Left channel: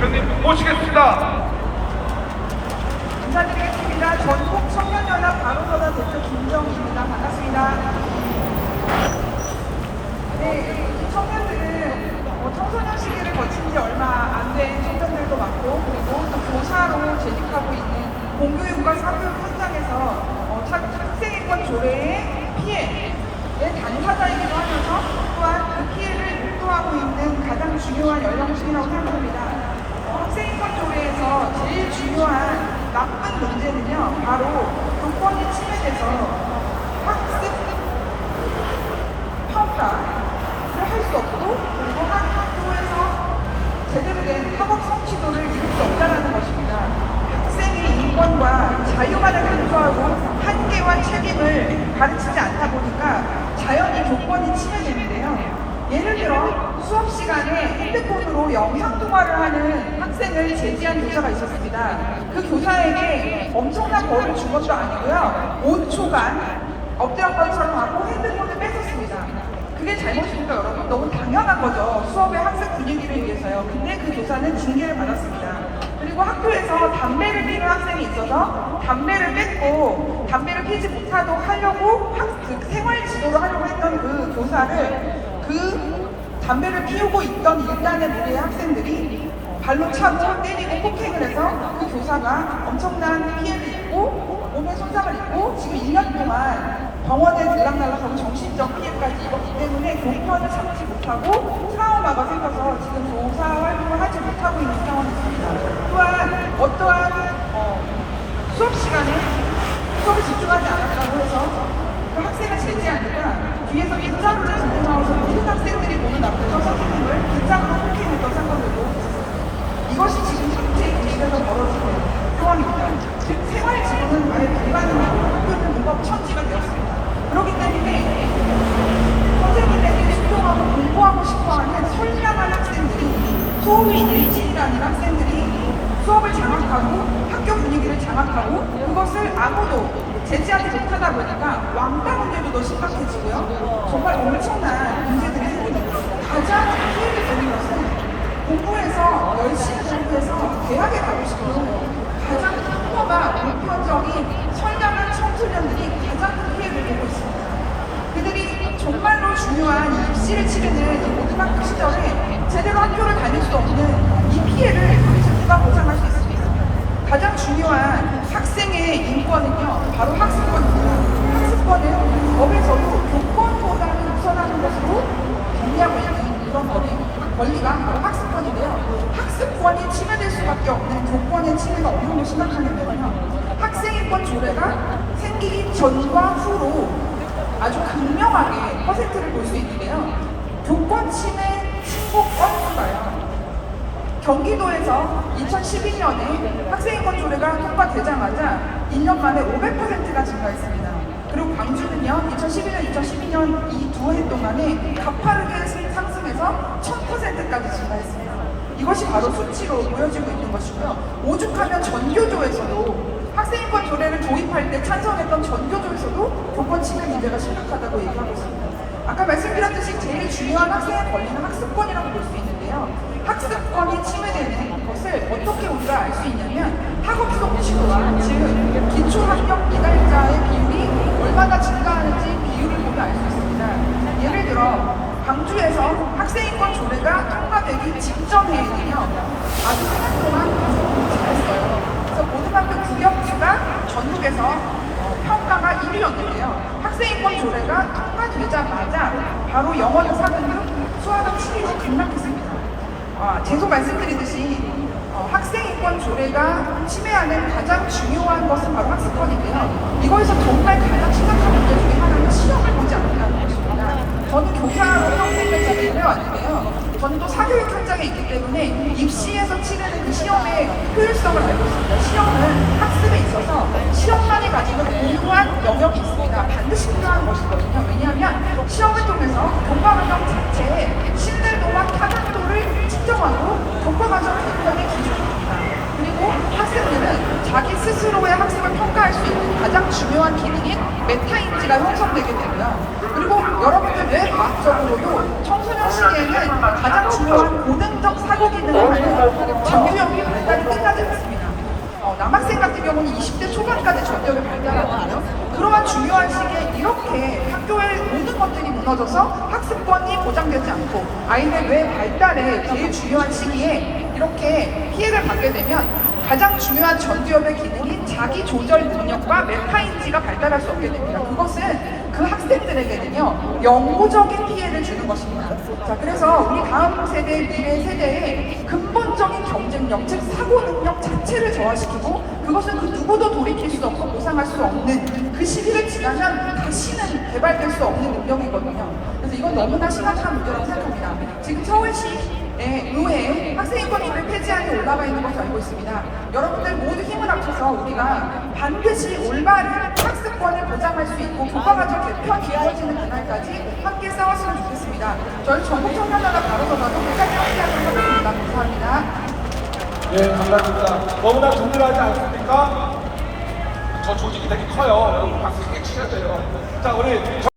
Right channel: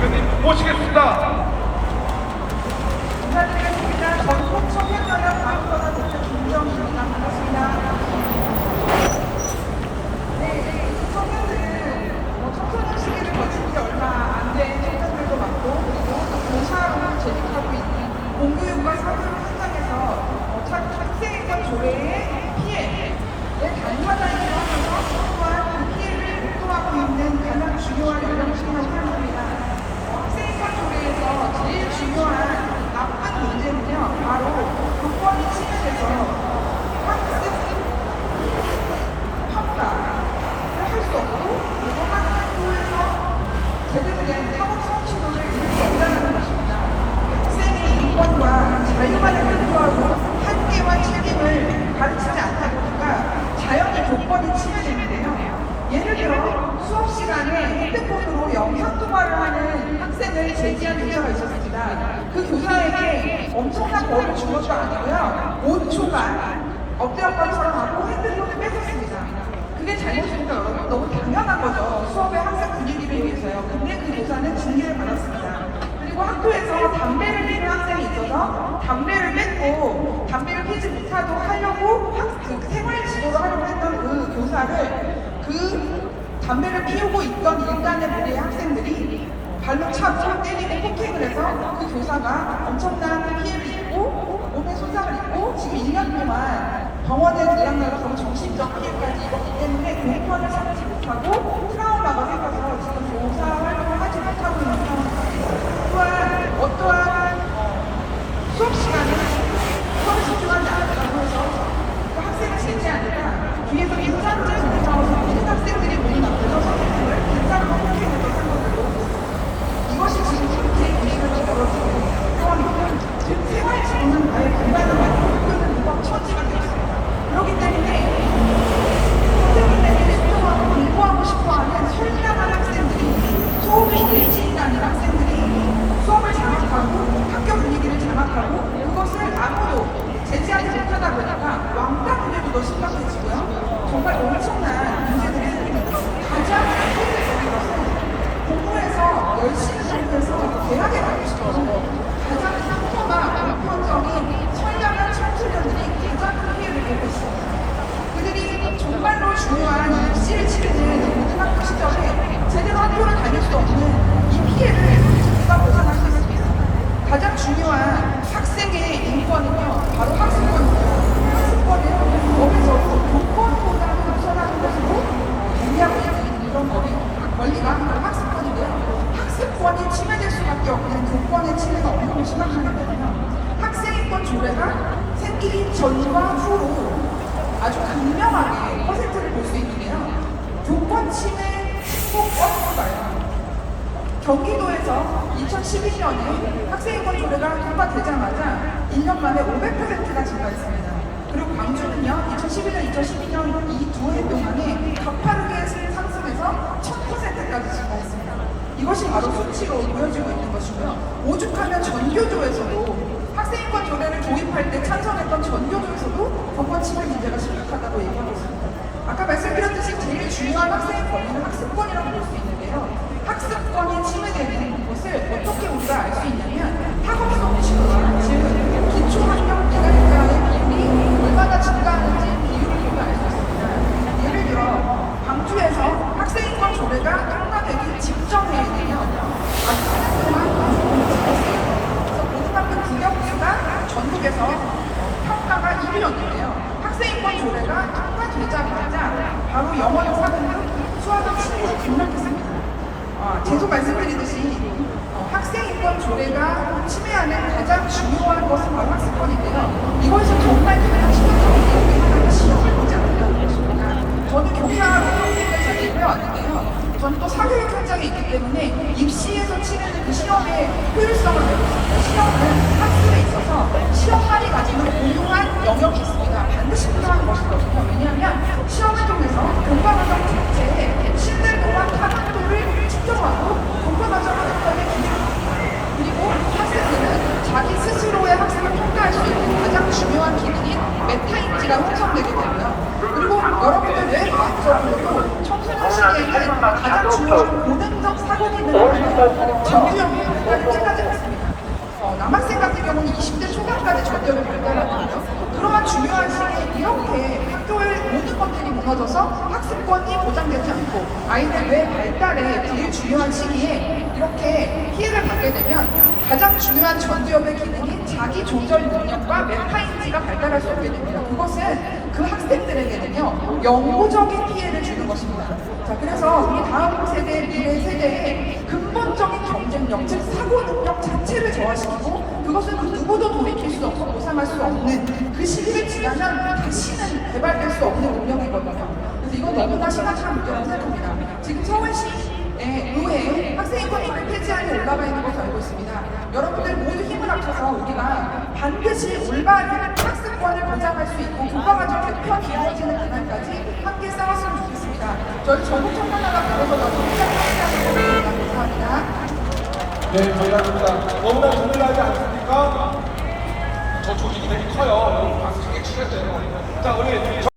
대표님 모시겠습니다. 인사드리겠습니다. 전국 청년연합 바로서다 대표 김정희입니다. 반갑습니다. 네, 청년들은 청소년 시기를 거친 지 얼마 안 된 청년들도 많고, 그리고 또 교사로 재직하고 있는 공교육과 사교육 현장에서 학생인권 조례의 피해에 당사자이기도 하면서 또한 그 피해를 목도하고 있는 가장 중요한 연령층이라고 생각합니다. 학생인권 조례에서 제일 중요한 나쁜 문제는요, 바로 교권이 침해돼서 학습 평가를 할 수 없고, 그리고 학교에서 제대로 된 학업 성취도를 이룰 수 없다는 것입니다. 학생의 인권과 자유만을 강조하고 한계와 책임을 가르치지 않다 보니까 자연히 교권이 침해되는데요. 예를 들어 수업 시간에 핸드폰으로 영상통화를 하는 학생을 제지한 교사가 있었습니다. 그 교사에게 엄청난 벌을 준 것도 아니고요. 5초간 엎드려뻗처럼 하고 핸드폰을 뺏었습니다. 그게 잘못입니까, 여러분? 너무 당연한 거죠. 수업의 학습 분위기를 위해서요. 근데 그 교사는 징계를 받았습니다. 그리고 학교에서 담배를 피우는 학생이 있어서 담배를 뺏고 담배를 피우지 못하도록 하려고 그 생활 지도를 하려고 했던 그 교사를 그 담배를 피우고 있던 일단의 무리의 학생들이 발로 차고 때리고 폭행을 해서 그 교사가 엄청난 피해를 입고 몸에 손상을 입고 지금 2년 동안 병원에 들락날락하고 정신적 피해까지 입었기 때문에 교권을 참지 못하고 트라우마가 생겨서 지금 교사 활동을 하지 못하고 있는 상황입니다. 또한 어떠한 수업 시간에 수업에 집중하지 않았다고 해서 그 학생을 제지하니까 뒤에서 빗자루를 들고 나와서 모든 학생들이 보는 앞에서 선생님을 빗자루로 폭행했던 사건들도 이것이 지금 현재 교실에서 벌어지는 상황입니다. 생활지도는 아예 불가능이 아니라 학교는 무법 처지가 되었습니다. 그렇기 때문에 선생님에게 집중하고 공부하고 싶어하는 선량한 학생들이 수업이 일진이라는 학생들이 수업을 장악하고 학교 분위기를 장악하고 그것을 아무도 제지하지 못하다 보니까 왕따 문제도 더 심각해지고요. 정말 엄청난 문제들이 생깁니다. 가장 피해를 보는 것은 공부해서 열심히 공부해서 대학에 가고 싶은 가장 평범한 목표적인 선량한 청소년들이 가장 큰 피해를 보고 있습니다. 그들이 정말로 중요한 입시를 치르는 이 모든 학교 시절에 제대로 학교를 다닐 수 없는 이 피해를 도대체 누가 보상할 수 있습니다. 가장 중요한 학생의 인권은요, 바로 학습권입니다. 학습권은 법에서도 교권보다는 우선하는 것으로 정리하고 있는 그런 권리가 바로 학습권인데요. 학습권이 침해될 수밖에 없는 교권의 침해는 어느 정도 심각하냐면요. 학생인권 조례가 생기기 전과 후로 아주 극명하게 퍼센트를 볼 수 있는데요. 교권 침해 신고건보다요. 경기도에서 2012년에 학생인권 조례가 통과되자마자 1년 만에 500%가 증가했습니다. 그리고 광주는요, 2011년, 2012년 이 두 해 동안에 가파르게 상승해서 1000%까지 증가했습니다. 이것이 바로 수치로 보여지고 있는 것이고요. 오죽하면 전교조에서도 학생인권 조례를 도입할 때 찬성했던 전교조에서도 교권 침해 문제가 심각하다고 얘기하고 있습니다. 아까 말씀드렸듯이 제일 중요한 학생의 권리는 학습권이라고 볼 수 있는데요. 학습권이 침해되는 것을 어떻게 우리가 알 수 있냐면 학업 성취도와 즉 기초학력 미달자의 비율이 얼마나 증가하는지 비율을 보면 알 수 있습니다. 예를 들어 광주에서 학생인권 조례가 통과되기 직전에는요, 아주 4년 동안 공부 잘했어요. 그래서 고등학교 국영수가 전국에서 평가가 1위였는데요. 학생인권 조례가 통과되자마자 바로 영어는 4등급, 수학은 7위로 급락했습니다. 계속 말씀드리듯이 학생인권 조례가 침해하는 가장 중요한 것은 바로 학습권인데요. 이거에서 정말 가장 심각한 문제 중에 하나는 시험을 보지 않는다는 것입니다. 저는 교사로 평생을 재직을 해왔는데요. 저는 또 사교육 현장에 있기 때문에 입시에서 치르는 그 시험의 효율성을 알고 있습니다. 시험은 학습에 있어서 시험만이 가지는 고유한 영역이 있습니다. 반드시 필요한 것이거든요. 왜냐하면 시험을 통해서 교과과정 자체의 신뢰도와 타당도를 측정하고 교과과정을 끝까지 기준입니다. 그리고 학생들은 자기 스스로의 학습을 평가할 수 있는 가장 중요한 기능인 메타인지가 형성되게 되고요. 그리고 여러분들 왜 과학적으로도 청소년 시기에는 가장 중요한 고등적 사고 기능을 하는 전교 경우는 20대 초반까지 전력을 발달하거든요. 그러한 중요한 시기에 이렇게 학교의 모든 것들이 무너져서 학습권이 보장되지 않고 아이들 뇌 발달에 제일 중요한 시기에 이렇게 피해를 받게 되면 가장 중요한 전두엽의 기능인 자기 조절 능력과 메타인지가 발달할 수 없게 됩니다. 그것은 그 학생들에게는요 영구적인 피해를 주는 것입니다. 자, 그래서 우리 다음 세대, 미래 세대의 근본적인 경쟁력, 즉 사고 능력 자체를 저하시키고 그것은 그 누구도 돌이킬 수 없고 보상할 수 없는 그 시기를 지나면 다시는 개발될 수 없는 능력이거든요. 그래서 이건 너무나 심각한 문제라고 생각합니다. 지금 서울시 의회에 학생인권조례 폐지안이 올라가 있는 것을 알고 있습니다. 여러분들 모두 힘을 합쳐서 우리가 반드시 올바른 학습권을 보장할 수 있고 교과과정 개편이 이루어지는 그날까지 함께 싸웠으면 좋겠습니다. 저희 전국청년단합 바로서라도 끝까지 함께하도록 하겠습니다. 감사합니다. 네, 감사합니다. 너무나 든든하지 않습니까? 저 조직이 되게 커요. 여러분 박수 크게 치셔야 돼요. 자, 우리